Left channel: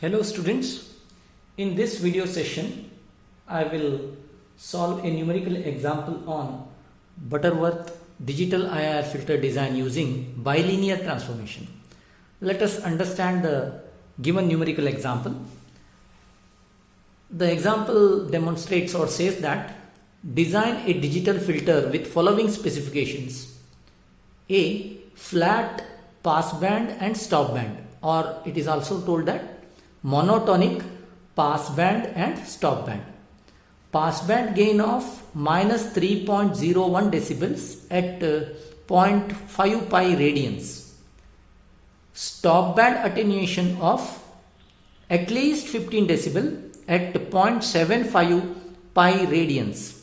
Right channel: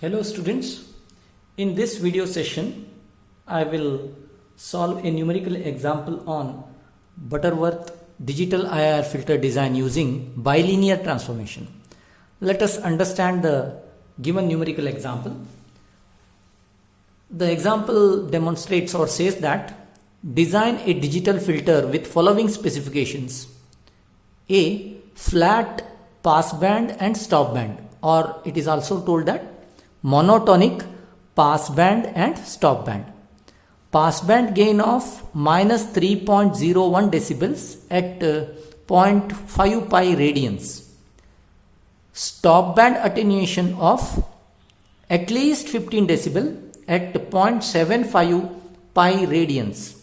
Hello students, in this video session I will solve a numerical example on Butterworth digital IIR filter design using bilinear transformation. Let us understand the given numerical example. The example demonstrates or says that design a digital filter with following specifications: A. Flat passband and stopband, or it is also told that monotonic passband and stopband. Passband gain of minus 3.01 decibels at 0.5 pi radians. Stopband attenuation of at least 15 decibel at 0.75 pi radians.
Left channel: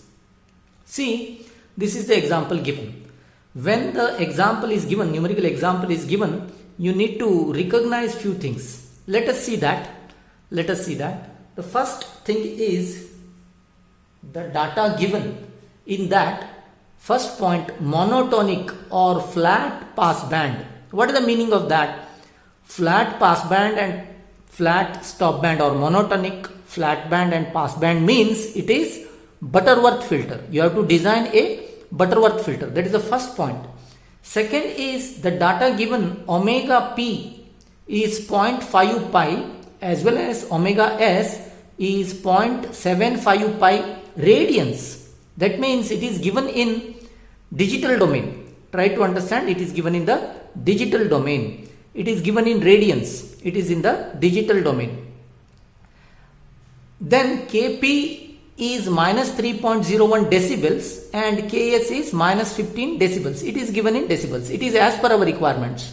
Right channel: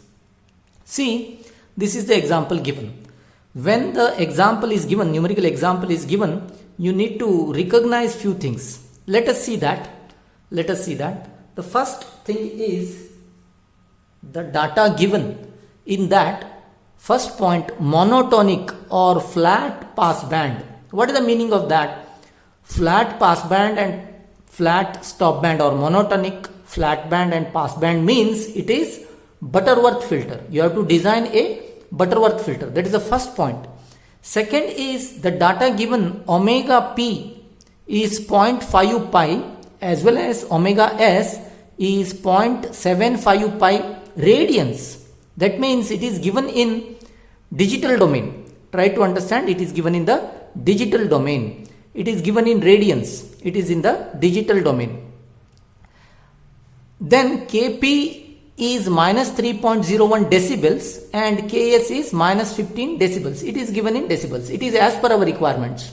See, this is the example given. When the example is given, numerical example is given, you need to recognize few things. Let us see that. The first thing is the data given. In that first point, monotonic or flat passband. What is the meaning of that? Flat passband and flat stopband, or monotonic, flat band and passband means it is Butterworth filter. You have to design a Butterworth filter. That is the first point. Second is the data given omega p is 0.5 pi as well as omega s is 0.75 pi radians. That means it is given in digital domain. Try to understand, it is given in the digital domain. It is given in radians. It is in the digital domain. Then Kp is minus 3.01 decibels and Ks is minus 15 decibels. It is given in decibels. It is as per our requirements.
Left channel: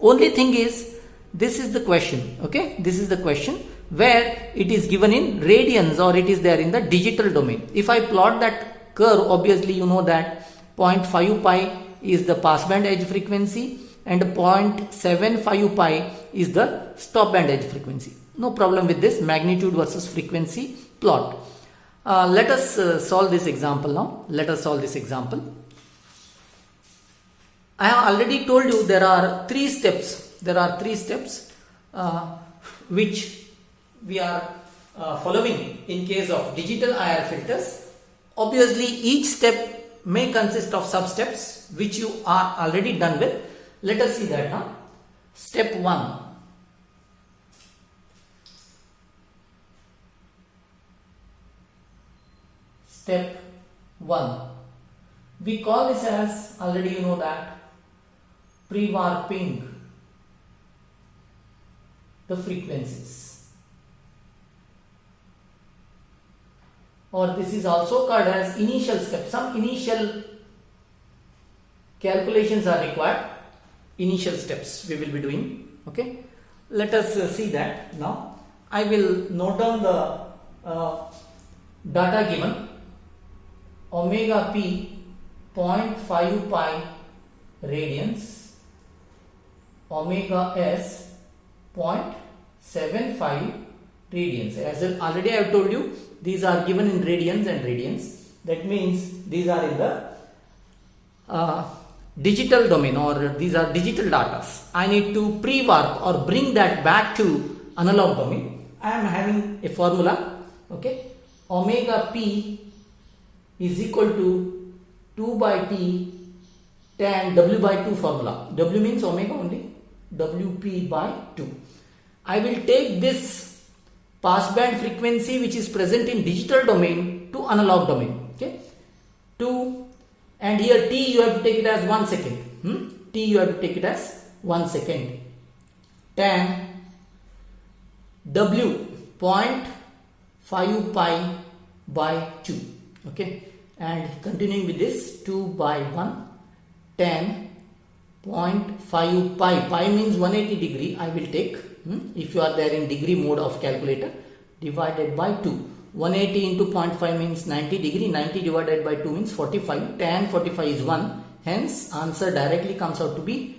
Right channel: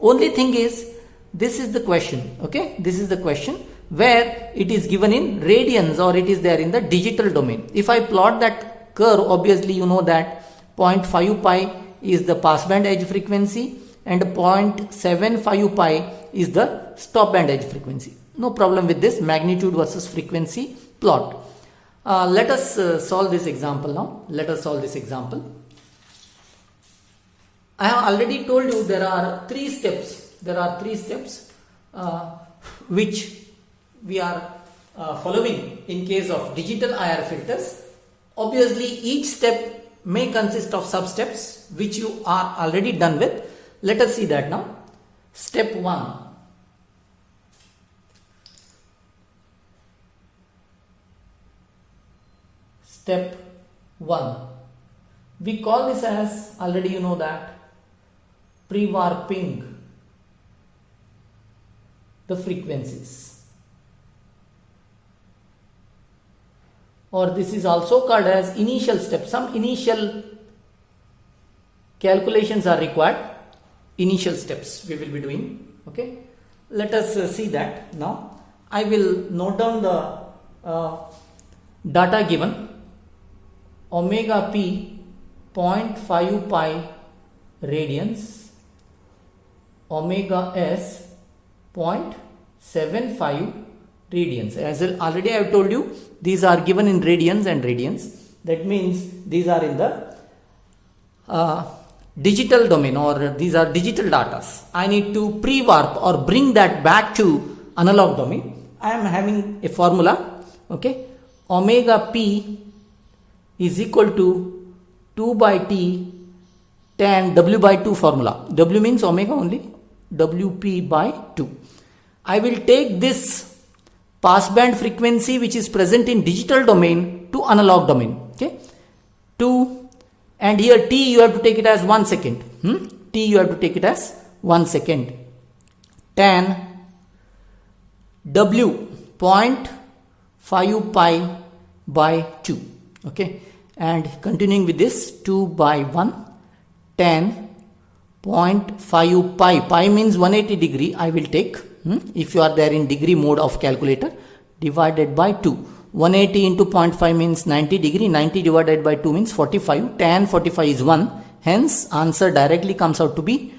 Only thing is, this is the question, okay? This is the question where it is given in radians or it is there in the digital domain. If I plot that curve, obviously you know that 0.5 pi is the passband edge frequency and 0.75 pi is the stopband edge frequency. No problem with this magnitude versus frequency plot. Let us solve this example now. Let us solve this example. I have already told you there are three steps. Which we are following in case of digital IR filters. Obviously, each step may consist of sub-steps which you are already done with. Let us see that now. Step 1. Step 1. We call this as, already you know that, pre-warping the frequencies, or this is also called as initial step. Some initial calculations are required. Initial steps we will be doing. Okay, let us see that now. I will note down the data given. Omega p 0.5 pi radians, omega s 0.75 radians. As already I have told you, these are given in radians and radians. That means these are in the digital domain, or these are digital data. I need to pre-warp or bring that back to analog domain. I am having a formula. Okay, omega p is equal to 2 by t tan w by 2 formula. W means omega only. Wp by 2. I will take this passband frequency which is present in digital domain to analog domain. Okay, 2, and here t you have to take it as 1 second. T you have to take it as 1 second. Tan w 0.5 pi by 2. Okay, and continuing with this, 2 by 1 tan 0.5 pi. Pi means 180 degree. I will take, if you are there in degree mode of calculator, divided by 2. 180 into 0.5 means 90 degree. 90 divided by 2 means 45. Tan 45 is 1. Hence, answer directly comes out to be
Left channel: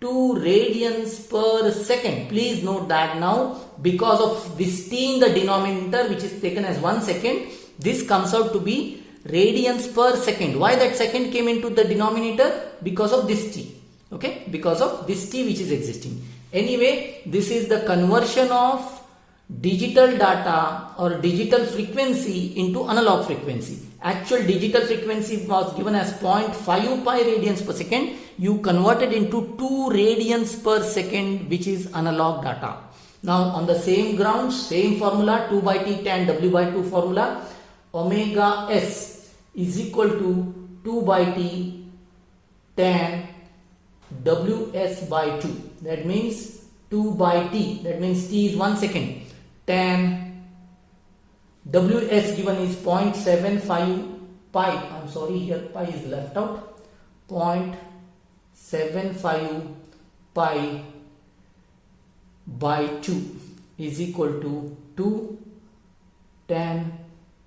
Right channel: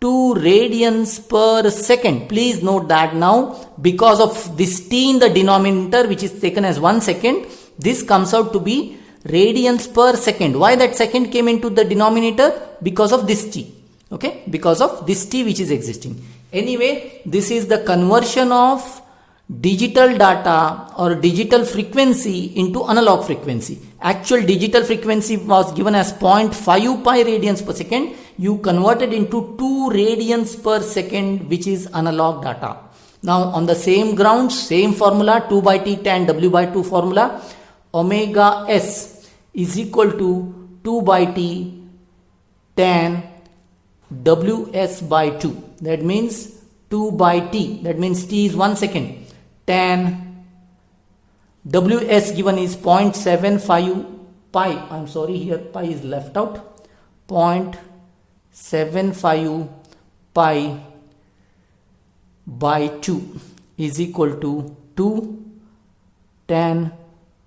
2 radians per second. Please note that now, because of this t in the denominator which is taken as 1 second, this comes out to be radians per second. Why that second came into the denominator? Because of this t. Okay, because of this t which is existing. Anyway, this is the conversion of digital data or digital frequency into analog frequency. Actual digital frequency was given as 0.5 pi radians per second. You converted into 2 radians per second, which is analog data. Now on the same grounds, same formula, 2 by T tan W by 2 formula, omega S is equal to 2 by T tan Ws by 2. That means 2 by T. That means T is 1 second. Tan Ws given is 0.75 pi. I'm sorry, here pi is left out. 0.75 pi by 2 is equal to 2 tan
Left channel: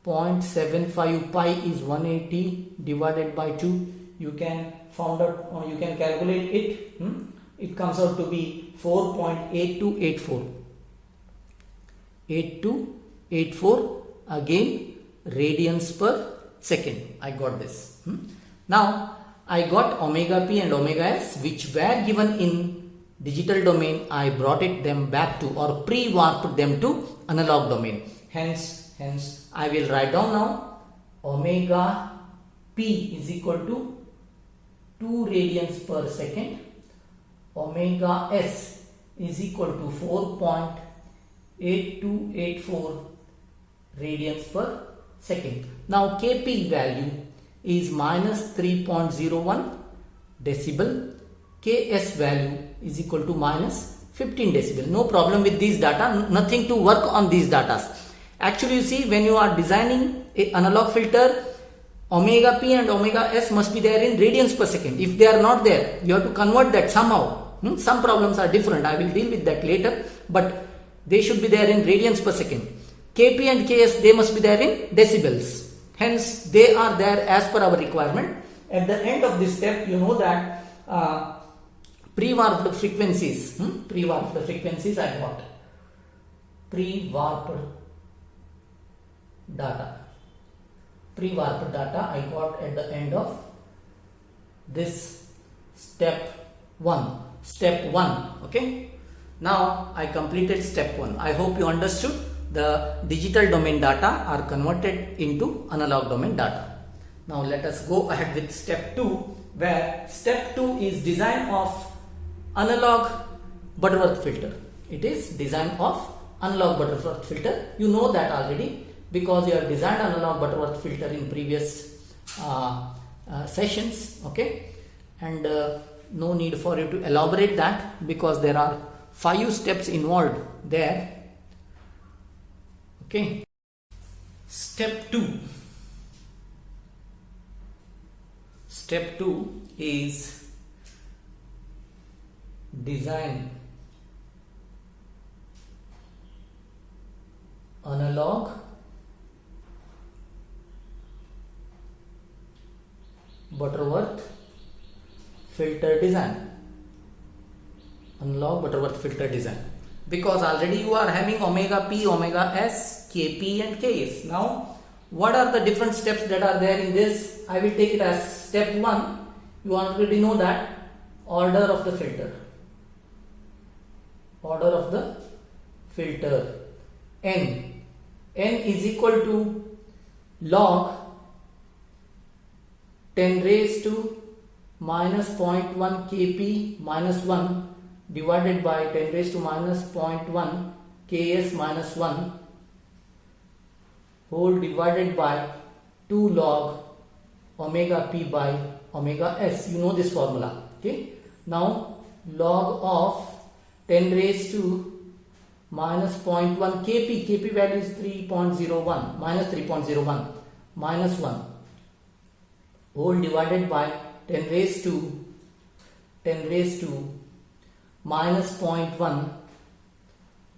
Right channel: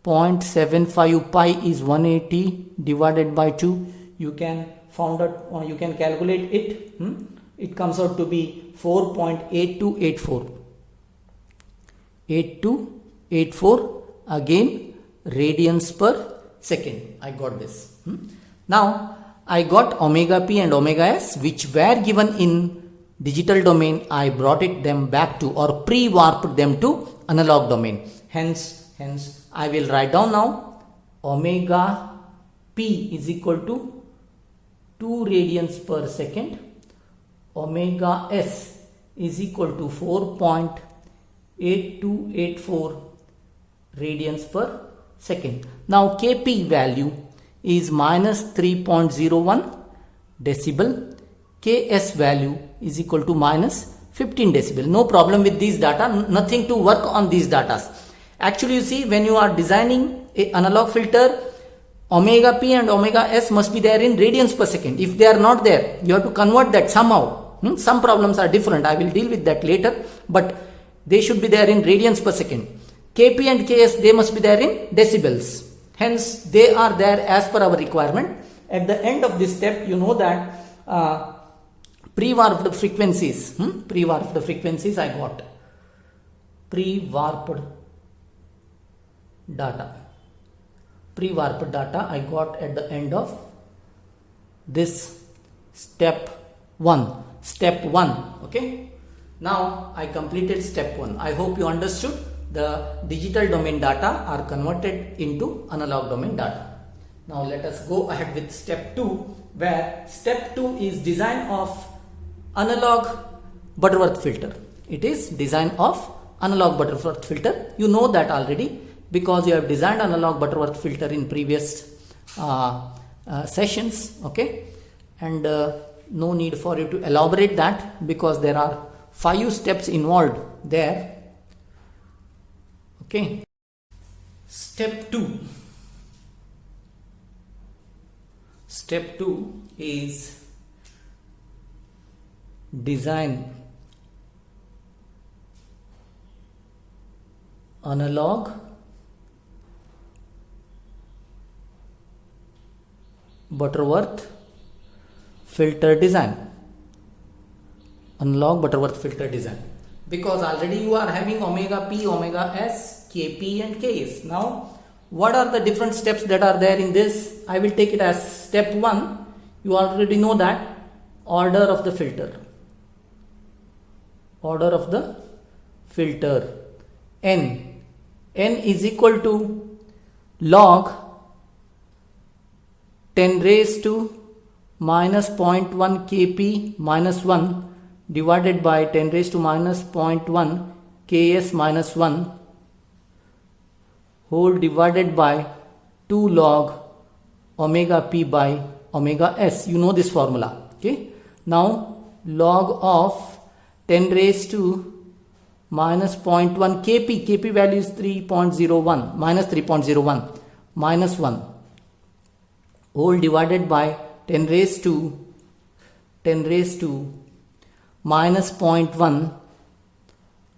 0.75 pi is 180 divided by 2. You can find out, or you can calculate it. It comes out to be 4.8284. 8284 again radians per second. I got this. Now I got omega p and omega s, which were given in digital domain. I brought them back to, or pre-warped them to, analog domain. Hence I will write down now omega p is equal to 2 radians per second. Omega s is equal to 4.8284 radians per second. Now Kp value is minus 3.01 decibel. Ks value is equal to minus 15 decibel. No problem with these data, nothing to work on these data. Actually, you see, when you are designing an analog filter, omega p and omega s must be there in radians per second. If they are not there, you have to convert that somehow. Some problems are different. I will deal with that later, but they should be there in radians per second. Kp and Ks, they must be there in decibels. Hence, they are there as per our requirement. At the end of this step, you know that pre-warped frequencies. Pre-warped frequencies I got. Pre-warped data. Pre-warped data I got at the end of this step 1. Step 1. Okay. Now I completed step 1. I hope you understood. The digital domain data are converted into analog domain data. Now let us go ahead with step 2, where step 2 is design of analog Butterworth filter. It is design of analog Butterworth filter. You know that already because you have designed analog Butterworth filter in previous sessions. Okay, and no need for you to elaborate that because there are 5 steps involved there. Okay. Step 2. Step 2 is design analog Butterworth filter design. Analog Butterworth filter design. Because already you are having omega p, omega s, Kp and Ks. Now, what are the different steps that are there in this? I will take it as step 1. You already know that. Order of the filter. Order of the filter. N. N is equal to log 10 raised to minus 0.1 Kp minus 1 divided by 10 raised to minus 0.1 Ks minus 1 whole divided by 2 log omega p by omega s. You know this formula. Okay. Now log of 10 raised to minus 0.1 Kp. Kp value is 3.01 minus 3.01 minus 1 whole divided by 10 raised to minus 0.1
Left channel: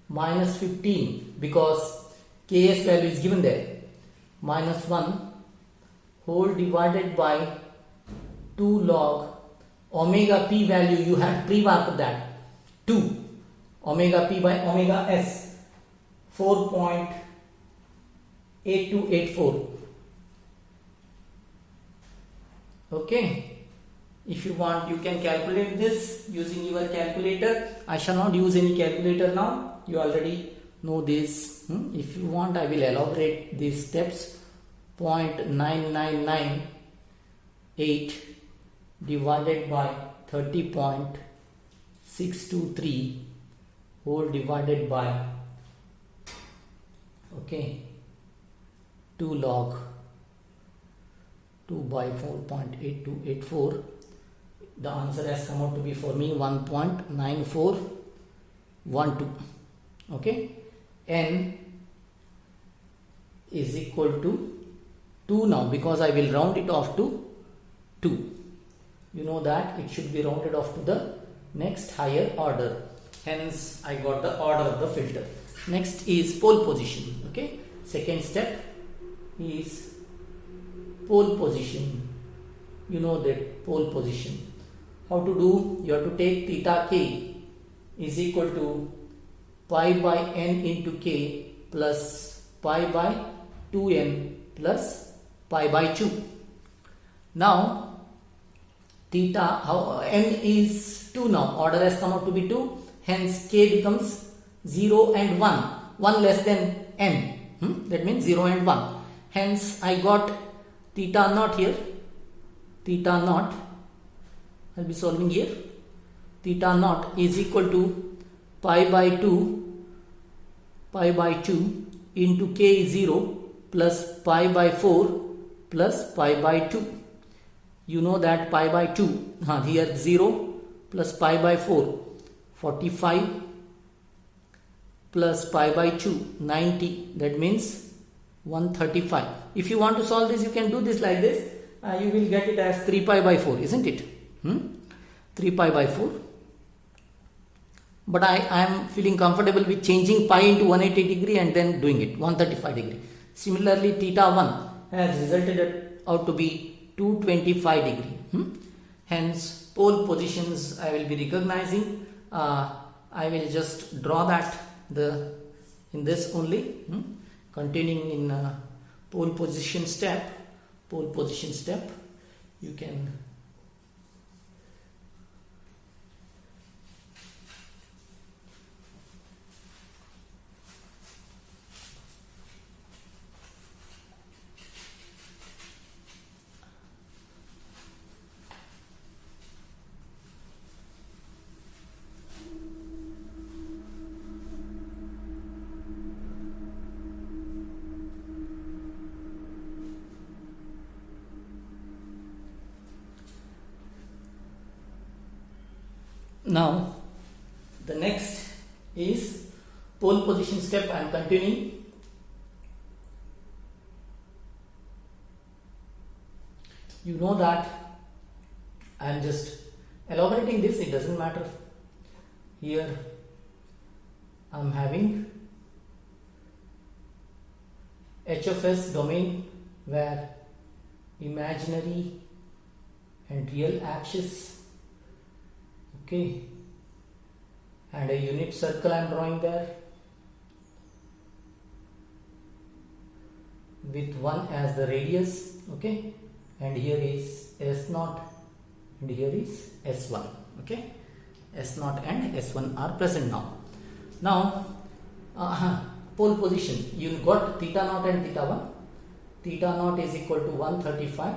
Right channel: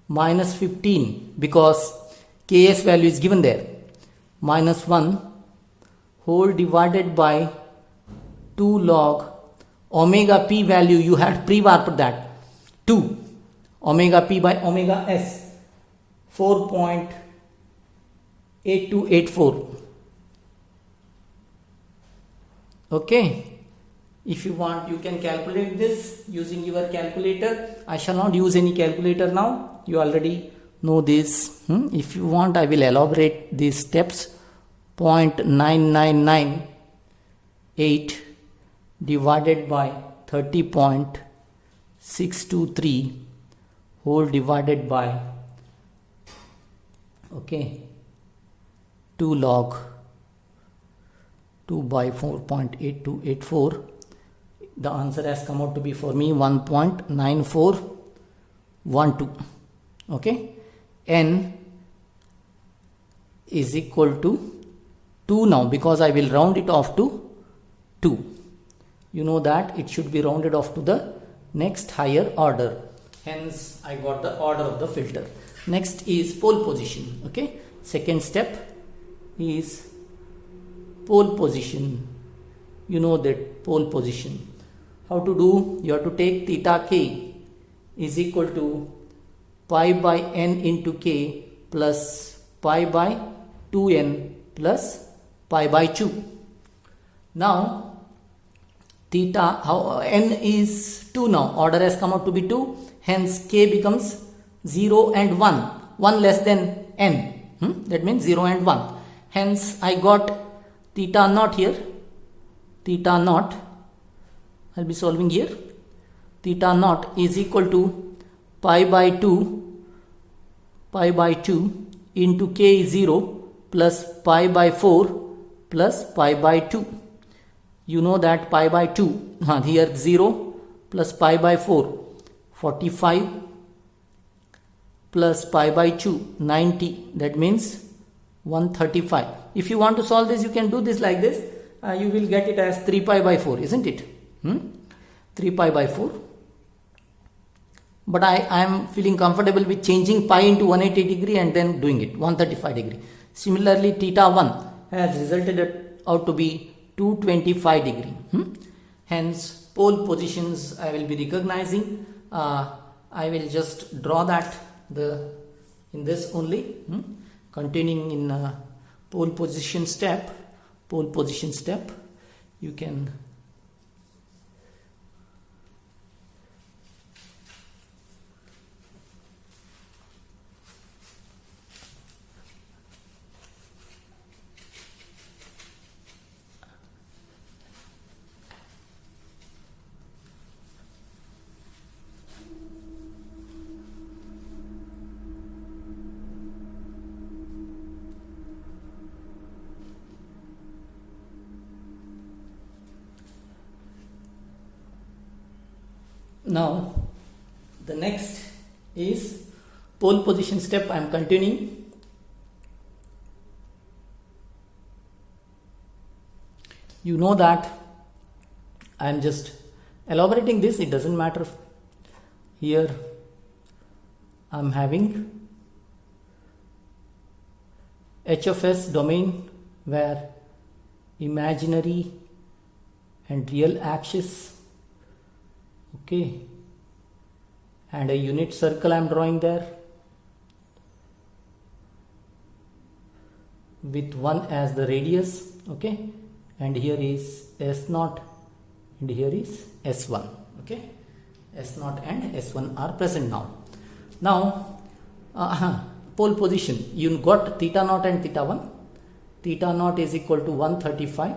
minus 15 because Ks value is given there, minus 1 whole divided by 2 log omega p value you had pre-warped that 2 omega p by omega s 4.8284. Okay, If you want, you can calculate this using your calculator. I shall not use any calculator now. You already know this. If you want, I will elaborate these steps. 0.9998 divided by 30.623 whole divided by 2 log 2 by 4.8284. The answer has come out to be for me 1.9412. Okay, n is equal to 2 now, because I will round it off to 2. You know that it should be rounded off to the next higher order. Hence, I got the order of the filter. Next is pole position. Okay, second step is pole position. You know that pole position. How to do? You have to take theta k is equal to pi by n into k plus pi by 2n plus pi by 2. Now theta, n is 2 now. Order has come out to be 2. Hence k becomes 0 and 1. 1 less than n. That means 0 and 1. Hence I got theta naught here. Theta naught, I'll be solving here. Theta naught is equal to pi by 2 into k is 0 plus pi by 4 plus pi by 2. You know that pi by 2, here 0 plus pi by 4, 45 plus pi by 2, 90. That means 135. If you want to solve this, you can do this like this. You will get it as 3 pi by 4, isn't it? 3 pi by 4. But I am feeling comfortable with changing pi into 180 degree and then doing it 135 degree. Similarly, theta 1 has resulted out to be 225 degree. Hence, pole positions I will be recognizing. I will just draw that in this only, containing in pole position step. You can now the next is pole position step. I am continuing. You know that I am just elaborating this, it doesn't matter. Here I am having HFS domain where imaginary and real axis, okay, and a unit circle I am drawing there with 1 as the radius, okay, and here is S0 and here is S1, okay. S0 and S1 are present now. Now pole position, you got theta naught and theta 1. Theta naught is equal to 135,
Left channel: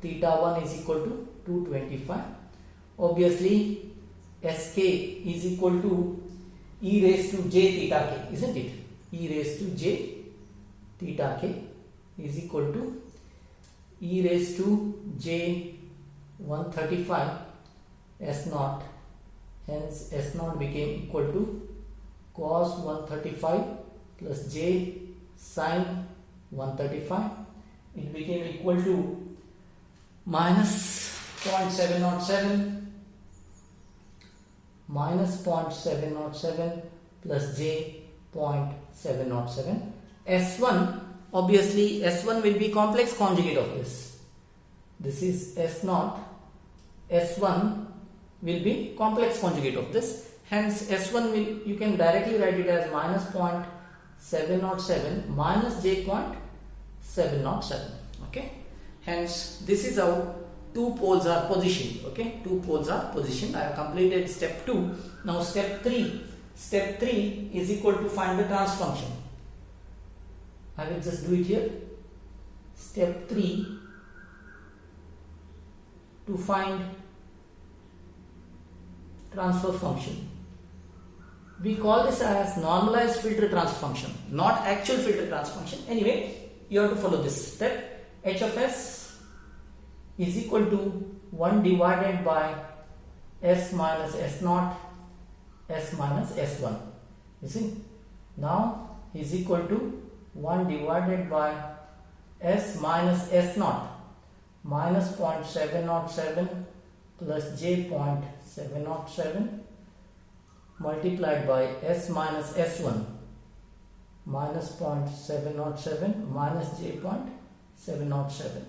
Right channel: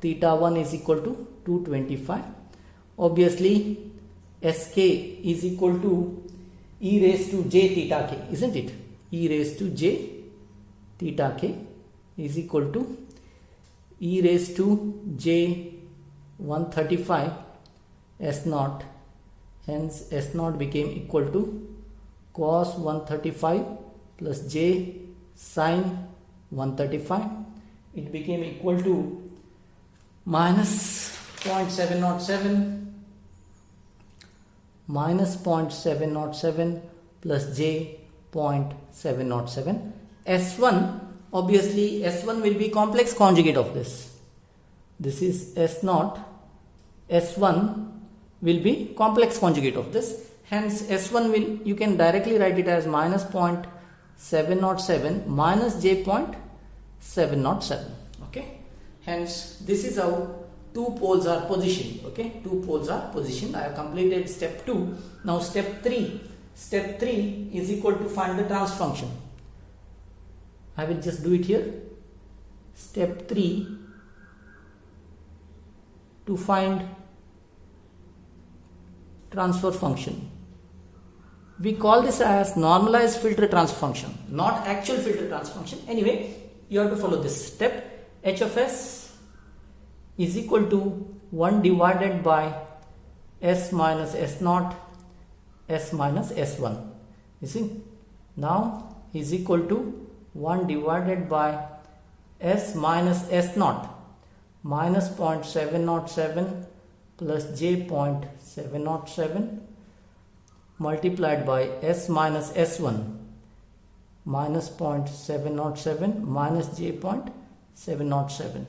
theta 1 is equal to 225. Obviously Sk is equal to e raised to j theta k, isn't it? E raised to j theta k is equal to e raised to j 135 S0. Hence S0 became equal to cos 135 plus j sin 135. It became equal to minus 0.707 plus j 0.707. S1, obviously S1 will be complex conjugate of this. This is S0. S1 will be complex conjugate of this. Hence S1 will, you can directly write it as minus 0.707 minus j 0.707. Okay. Hence this is how to two poles are positioned. Okay, two poles are positioned. I have completed step 2. Now step 3. Step 3 is equal to find the transfer function. I will just do it here. Step 3, to find transfer function. We call this as normalized filter transfer function, not actual filter transfer function. Anyway, you have to follow this step. H of s is equal to 1 divided by s minus s naught, s minus s1. You see, now is equal to 1 divided by s minus s naught minus 0.707 plus j 0.707 multiplied by s minus s1 minus 0.707 minus j 0.707.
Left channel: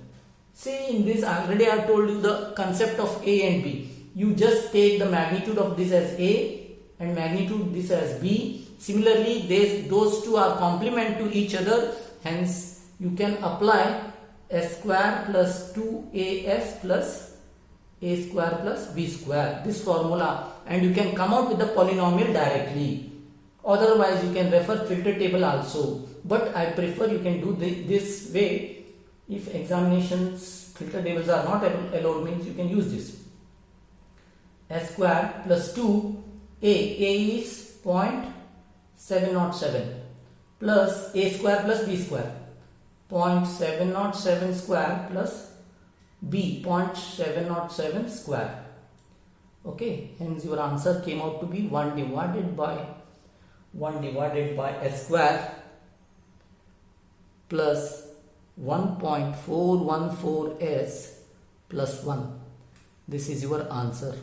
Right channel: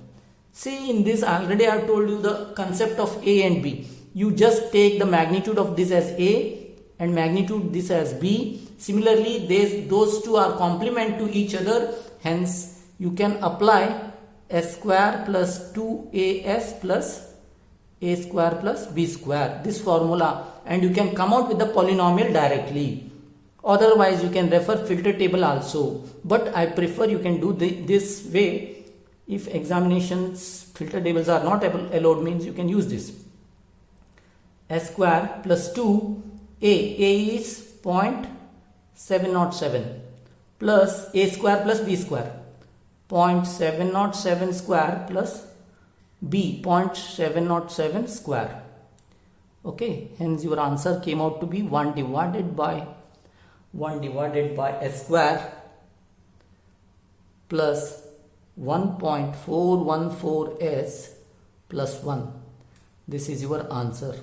See, in this already I have told you the concept of A and B. You just take the magnitude of this as A and magnitude this as B. Similarly, those two are complement to each other. Hence, you can apply s square plus 2as plus a square plus b square, this formula, and you can come out with the polynomial directly. Otherwise, you can refer filter table also, but I prefer you can do this way. If examinations filter tables are not allowed, means you can use this. S square plus 2 a is 0.707 plus a square plus b square, 0.707 square plus b 0.707 square. Okay, hence your answer came out to be 1 divided by s square plus 1.414s plus 1. This is your answer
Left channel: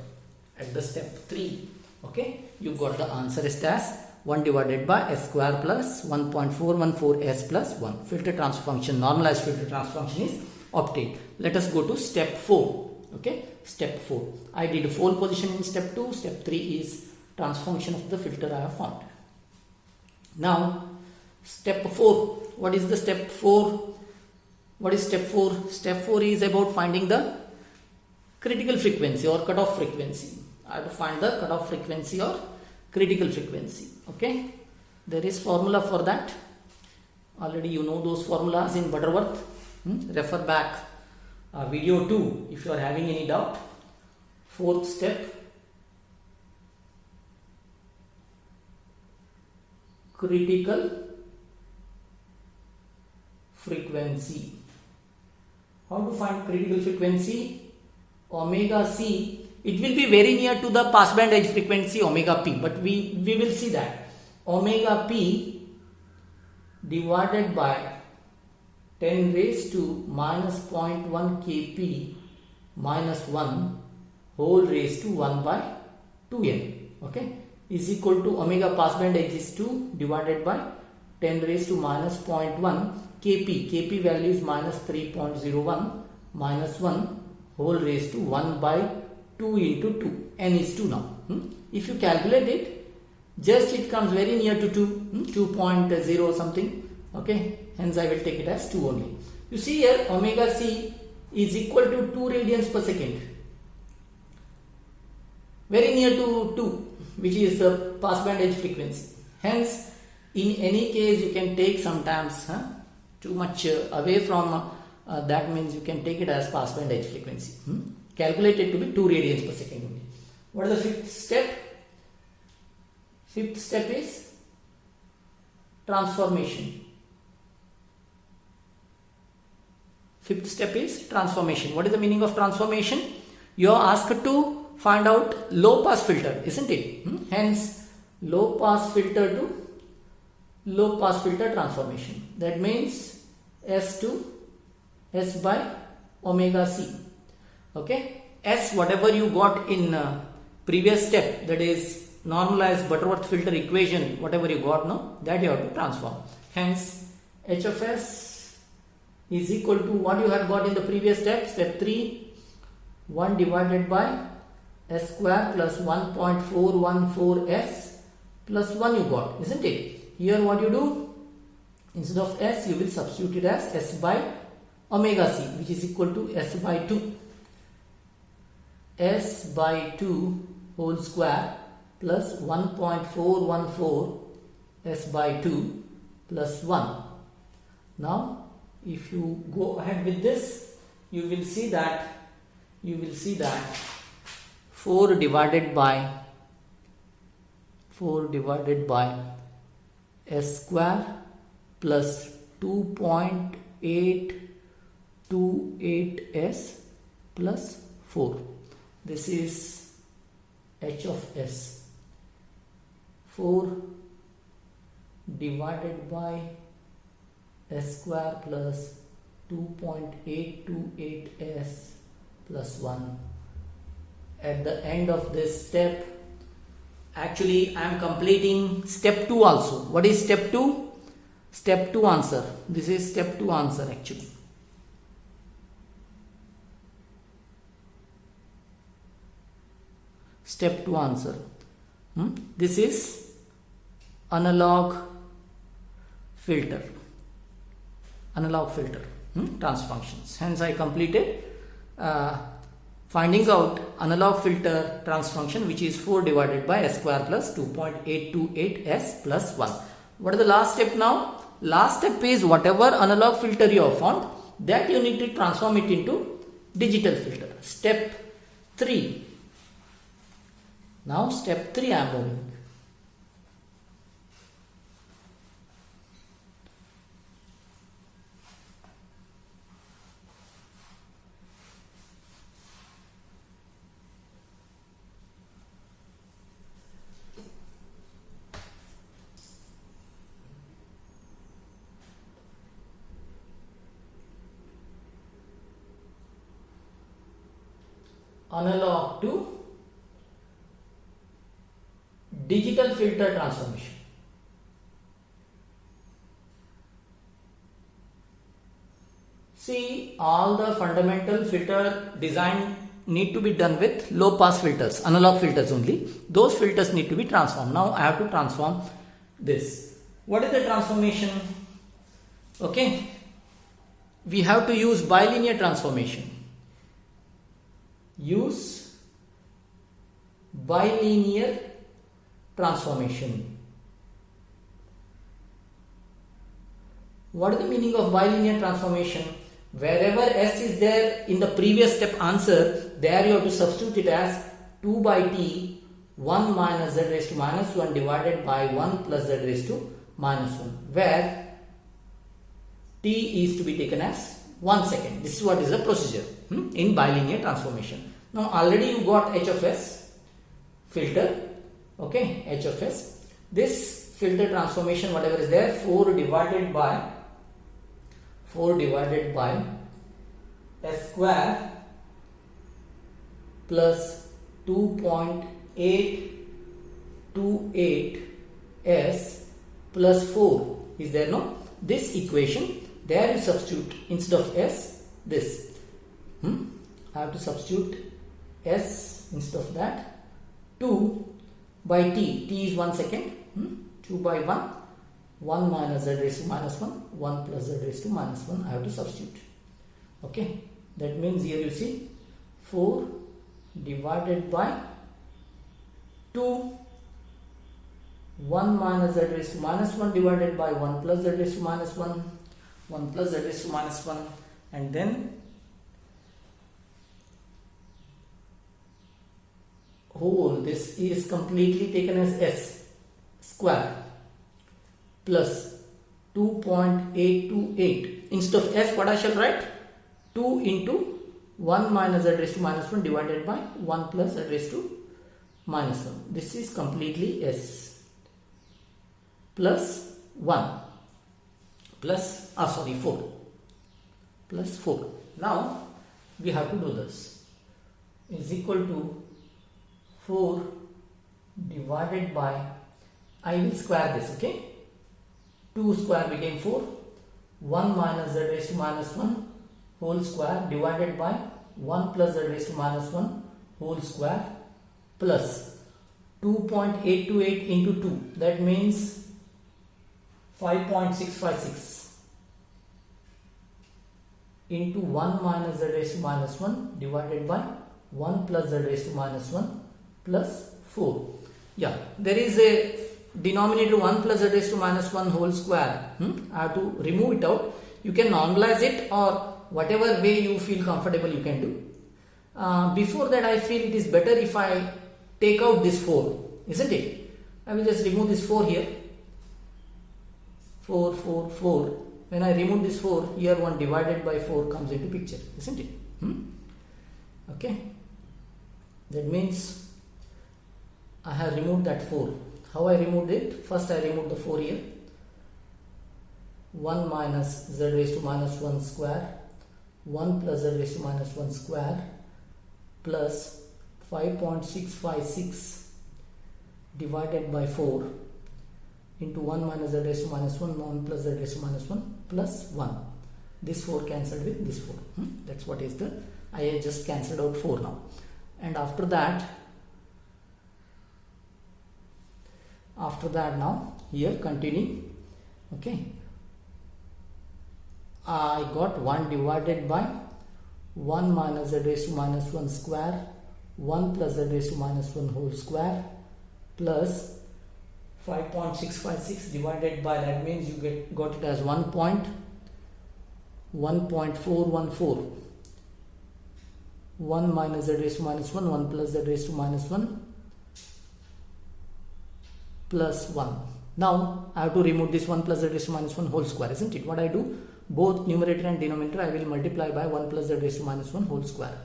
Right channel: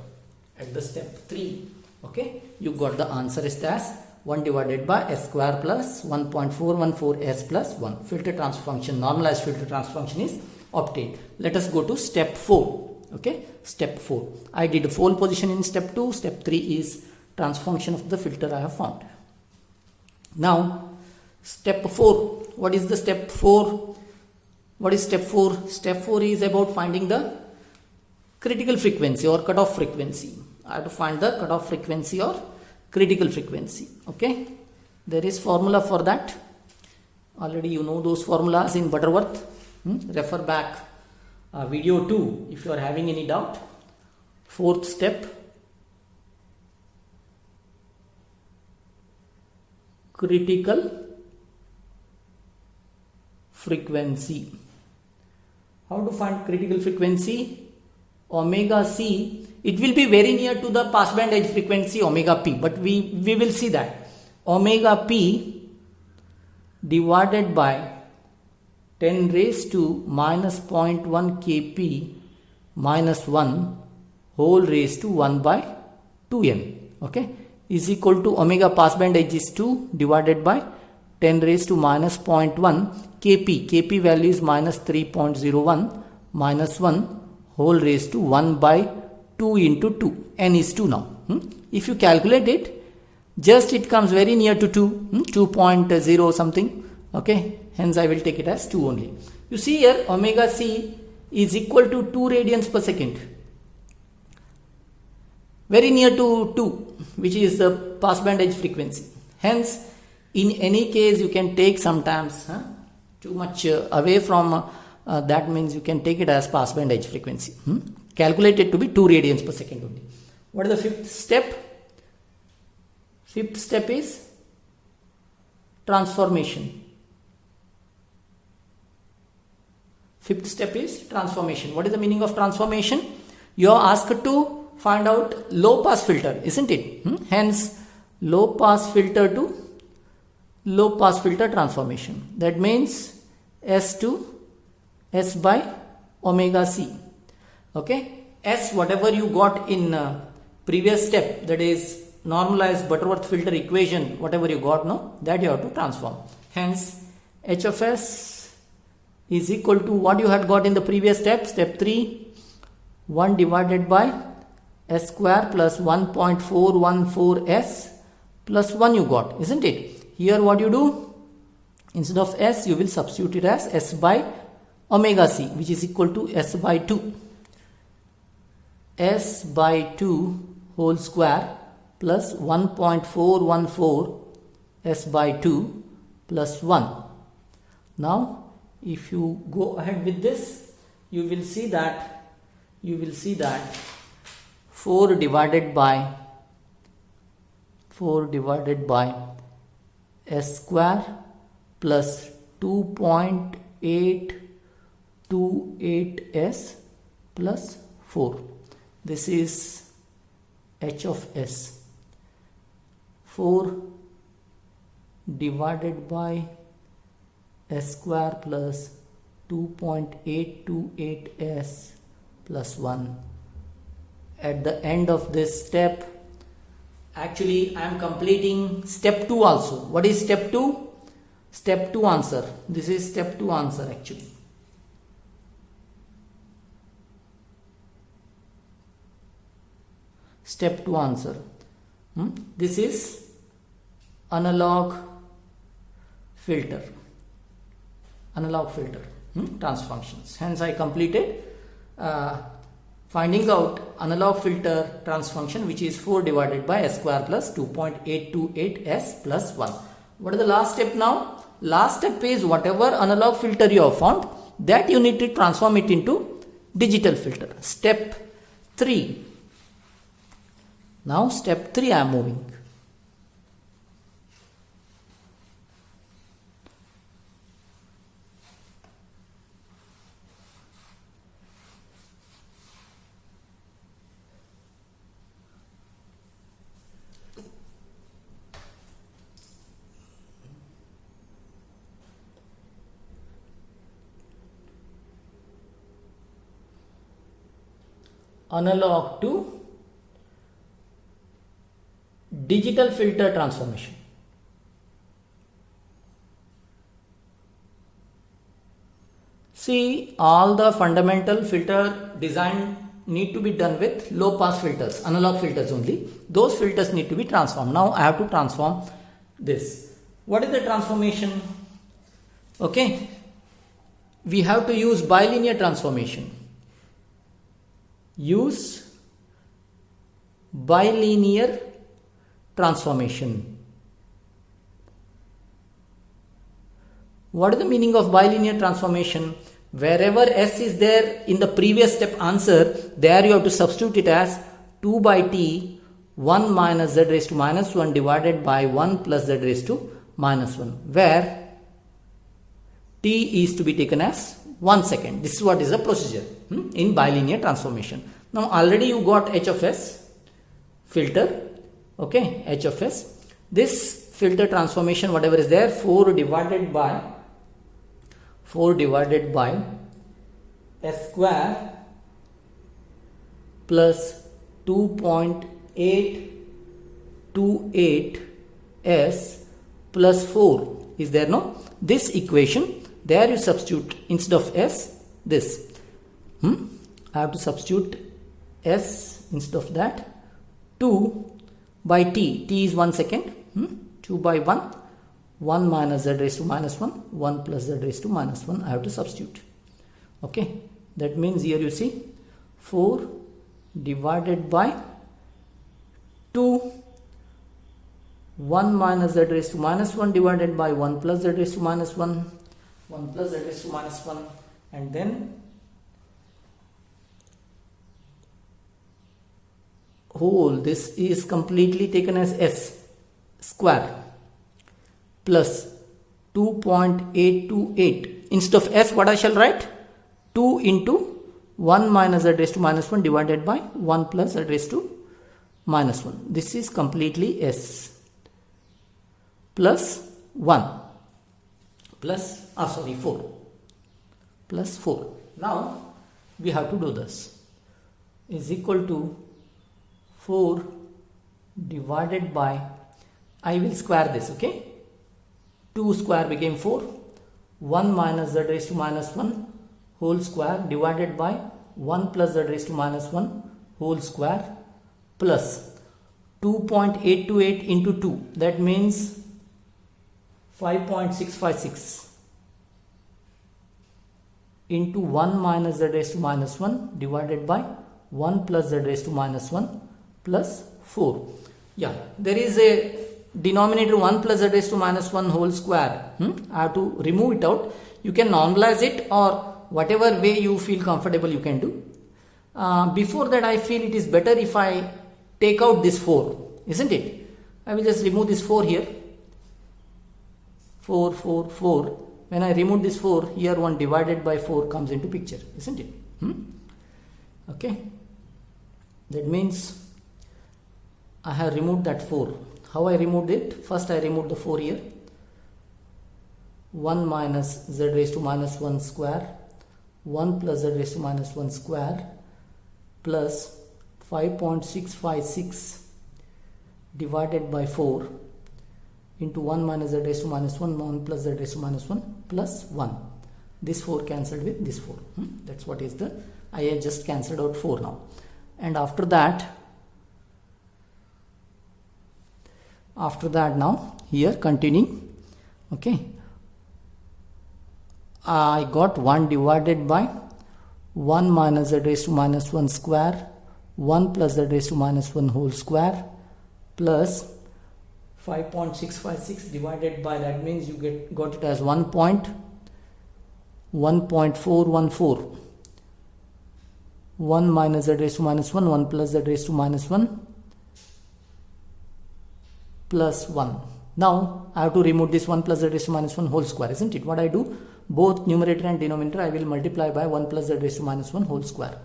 at the step 3. Okay, you got the answer as 1 divided by s square plus 1.414s plus 1. Filter transfer function, normalized filter transfer function is obtained. Let us go to step 4. Okay, step 4. I did pole position in step 2. Step 3 is transfer function of the filter I have found. Now, step 4. What is the step 4? What is step 4? Step 4 is about finding the critical frequency or cutoff frequency. I have to find the cutoff frequency or critical frequency. Okay, there is formula for that. Already you know those formulas in Butterworth. Refer back video 2 if you are having any doubt. 4th step, critical frequency. How to find critical frequency? Omega c, it will be very near to the passband edge frequency omega p, but we will see that. Omega p divided by 10 raised to minus 0.1 kp minus 1 whole raised to 1 by 2n. Okay, is equal to omega passband edge is 2 divided by 10 raised to minus 0.1 kp. Kp value is minus 3.01 minus 1 whole raised to 1 by 2 into 2. N is 2 now. If you calculate it, just it comes very near to 2, 2.0 something. Okay, hence I will take it as 2 only. You see here, omega c is equal to 2 radians per second. Very near to 2, which is the passband edge frequency. Hence, in any case, you can take sometimes too much away from that, means you can take it as passband edge frequency. Calculated to be 2 radians per second only. What is the 5th step? 5th step is transformation. 5th step is transformation. What is the meaning of transformation? You are asked to find out low pass filter, isn't it? Hence, low pass filter to low pass filter transformation. That means S to S by omega c. Okay, S whatever you got in previous step, that is normalized Butterworth filter equation, whatever you got, no, that you have to transform. Hence, H of S is equal to what you had got in the previous step, step 3, 1 divided by s square plus 1.414s plus 1 you got, isn't it? Here what you do, instead of s you will substitute it as s by omega c, which is equal to s by 2. s by 2 whole square plus 1.414 s by 2 plus 1. Now if you go ahead with this, you will see that 4 divided by s square plus 2.828s plus 4. This is h of s. 4 divided by s square plus 2.828s plus 1. At the end of this step, actually I am completing step 2 also. What is step 2? Step 2 answer. This is step 2 answer actually. Step 2 answer. This is analog filter. Transfer functions. Hence I completed finding out analog filter transfer function, which is 4 divided by s square plus 2.828s plus 1. What is the last step now? Last step is whatever analog filter you have found, that you need to transform it into digital filter. Step 3. Now step 3 I am moving. Analog to digital filter transformation. See, all the fundamental filter design need to be done with low pass filters, analog filters only. Those filters need to be transformed. Now I have to transform this. What is the transformation? Okay, we have to use bilinear transformation. Use bilinear transformation. What is the meaning of bilinear transformation? Wherever s is there in the previous step answer, there you have to substitute it as 2 by t 1 minus z raised to minus 1 divided by 1 plus z raised to minus 1, where t is to be taken as 1 second. This is what is the procedure in bilinear transformation. Now already you got h of s filter. Okay, h of s. This filter transformation, whatever is there, 4 divided by s square plus 2.828s plus 4 is there, no? This equation, there you substitute instead of s this. I have to substitute s instead of that. 2 by t is 1 second. 2 by 1 minus z raised to minus 1 1 plus z raised to minus 1 I have to substitute. Okay, that means here you see 4 divided by 2 1 minus z raised to minus 1 divided by 1 plus z raised to minus 1 1 plus z raised to minus 1, and then whole, this is completely taken as s square plus 2.828. Instead of s, what I shall write? 2 into 1 minus z raised to minus 1 divided by 1 plus z raised to minus 1. This is completely s plus 1 plus 4 plus 4. Now we have to do this. Is equal to 4 divided by, I will square this, okay? 2 square became 4, 1 minus z raised to minus 1 whole square divided by 1 plus z raised to minus 1 whole square plus 2.828 into 2, that means 5.656 into 1 minus z raised to minus 1 divided by 1 plus z raised to minus 1 plus 4. Yeah, there is a denominator 1 plus z raised to minus 1 whole square. I have to remove it out. You can normalize it, or whatever way you feel comfortable you can do. Before that, I feel it is better if I take out this 4, isn't it? I will just remove this 4 here. 4, 4, 4. When I remove this 4, here 1 divided by 4 comes into picture, isn't it? Okay. That means I have removed that 4. How I removed it? First I removed the 4 here. 1 minus z raised to minus 1 square. 1 plus z raised to minus 1 square plus 5.656 divided by 4 into 1 minus z raised to minus 1, 1 plus z raised to minus 1 plus 1. This 4 cancelled with this 4. That's what is the, I just cancelled out 4 now. And after that now, here continuing, okay, I got 1 divided by 1 minus z raised to minus 1 square, 1 plus z raised to minus 1 whole square plus 5.656 divided by, that means you got it as 1.414. 1 minus z raised to minus 1, 1 plus z raised to minus 1 plus 1. Now I have to remove this 1 plus z raised to minus 1 whole square, isn't it? What I do? Both numerator and denominator I will multiply by 1 plus z raised to minus 1 whole square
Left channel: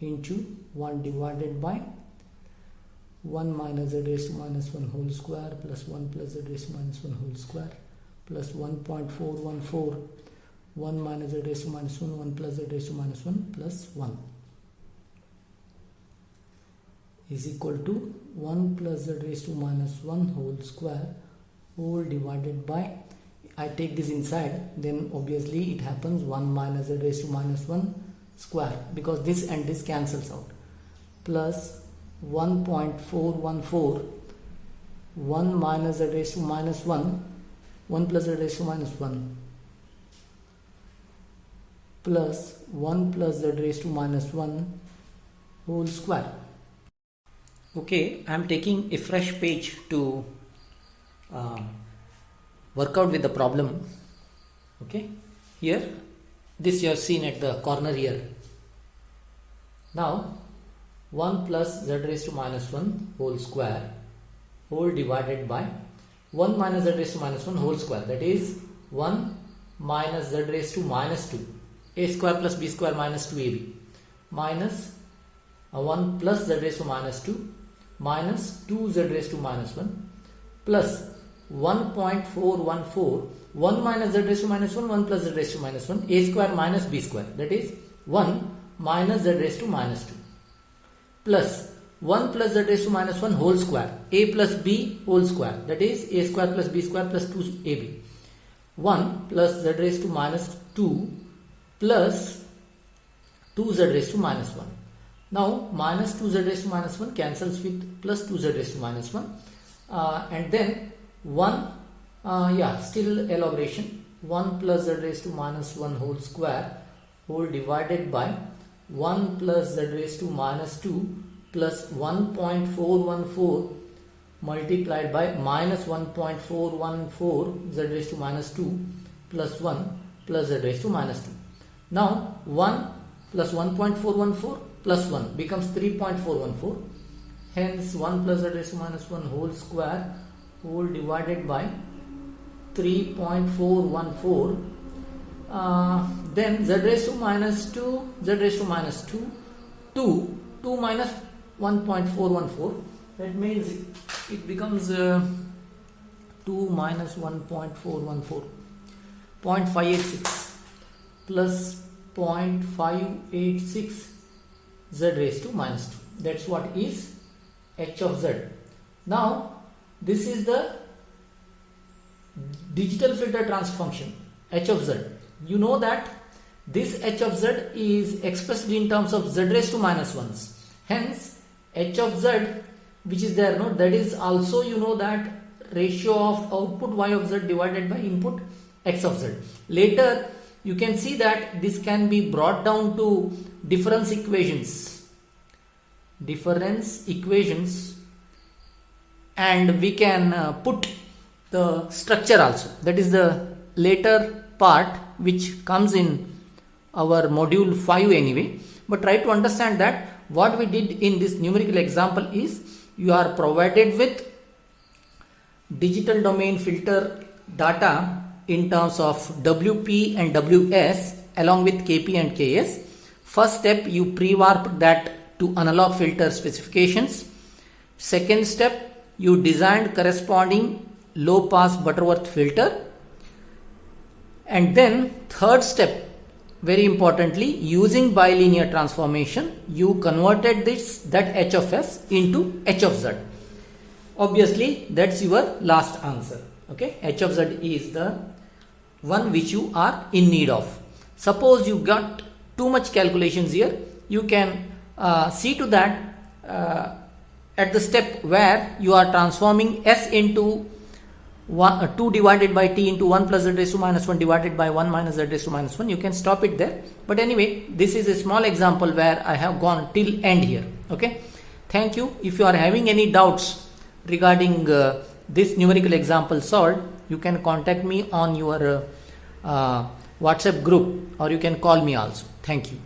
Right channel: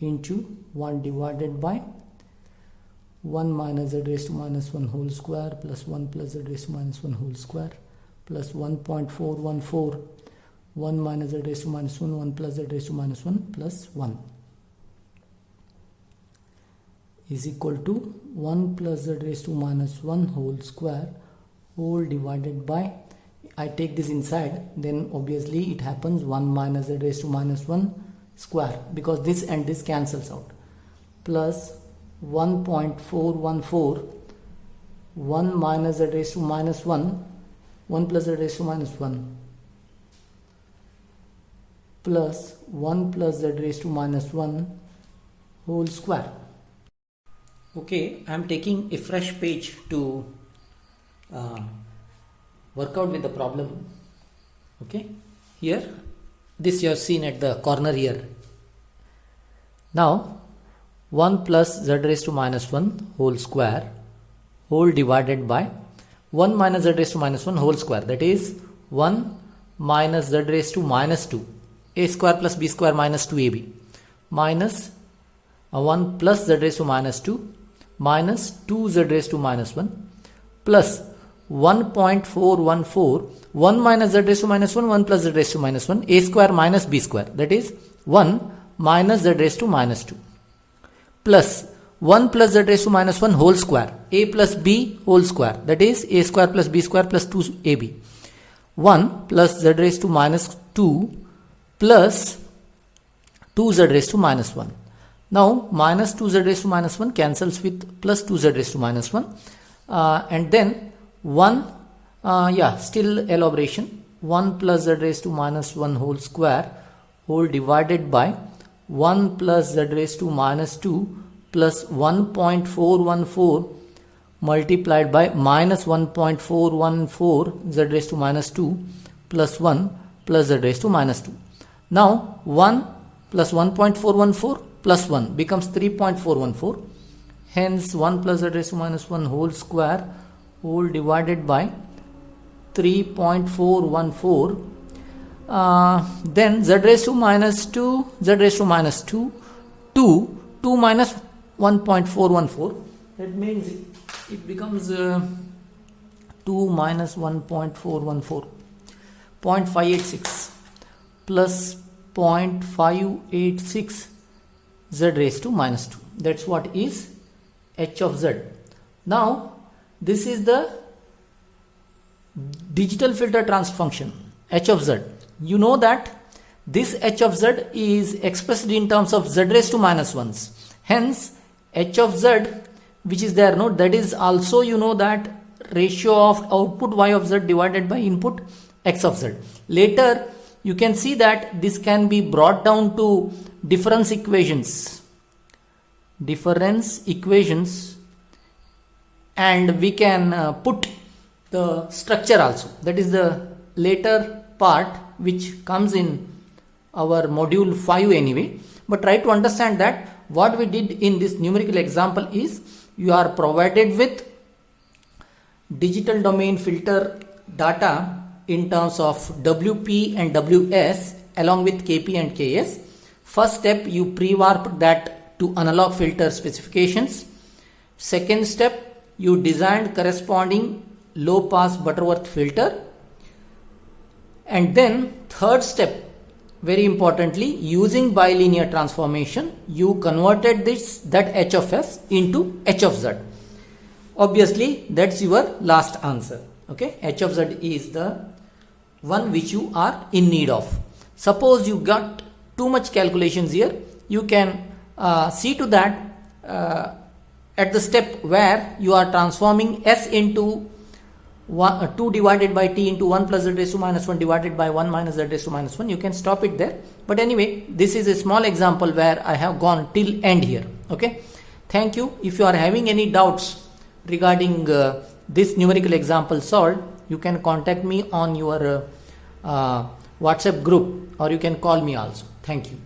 into 1 divided by 1 minus z raised to minus 1 whole square plus 1 plus z raised to minus 1 whole square plus 1.414, 1 minus z raised to minus 1, 1 plus z raised to minus 1 plus 1 is equal to 1 plus z raised to minus 1 whole square whole divided by, I take this inside, then obviously it happens 1 minus z raised to minus 1 square, because this and this cancels out, plus 1.414, 1 minus z raised to minus 1, 1 plus z raised to minus 1 plus 1 plus z raised to minus 1 whole square. Okay, I am taking a fresh page to work out with the problem. Okay, here this you have seen at the corner here. Now 1 plus z raised to minus 1 whole square whole divided by 1 minus z raised to minus 1 whole square, that is 1 minus z raised to minus 2, a square plus b square minus 2ab, minus 1 plus z raised to minus 2 minus 2z raised to minus 1 plus 1.414, 1 minus z raised to minus 1, 1 plus z raised to minus 1, a square minus b square, that is 1 minus z raised to minus 2 plus 1 plus z raised to minus 1 whole square, a plus b whole square, that is a square plus b square plus 2ab, 1 plus z raised to minus 2 plus 2z raised to minus 1. Now minus 2z raised to minus 1 cancels with plus 2z raised to minus 1, and then 1, still elaboration, 1 plus z raised to minus 1 whole square whole divided by 1 plus z raised to minus 2 plus 1.414 multiplied by minus 1.414 z raised to minus 2 plus 1 plus z raised to minus 2. Now 1 plus 1.414 plus 1 becomes 3.414. Hence 1 plus z raised to minus 1 whole square whole divided by 3.414. Then z raised to minus 2, z raised to minus 2, 2 minus 1.414. That means it becomes 2 minus 1.414, 0.586 plus 0.586 z raised to minus 2. That's what is h of z. Now this is the digital filter transfer function h of z. You know that this h of z is expressed in terms of z raised to minus 1s. Hence h of z, which is there, no, that is also, you know, that ratio of output y of z divided by input x of z. Later you can see that this can be brought down to difference equations, and we can put the structure also. That is the later part which comes in our module 5 anyway. But try to understand that what we did in this numerical example is, you are provided with digital domain filter data in terms of WP and WS along with KP and KS. First step, you pre-warp that to analog filter specifications. Second step, you designed corresponding low pass Butterworth filter. And then third step, very importantly, using bilinear transformation, you converted that H of S into H of Z. Obviously, that's your last answer. Okay, H of Z is the one which you are in need of. Suppose you got too much calculations here, you can see to that at the step where you are transforming S into 2 divided by t into 1 plus z raised to minus 1 divided by 1 minus z raised to minus 1. You can stop it there. But anyway, this is a small example where I have gone till end here. Okay. Thank you. If you are having any doubts regarding this numerical example solved, you can contact me on your WhatsApp group, or you can call me also. Thank you.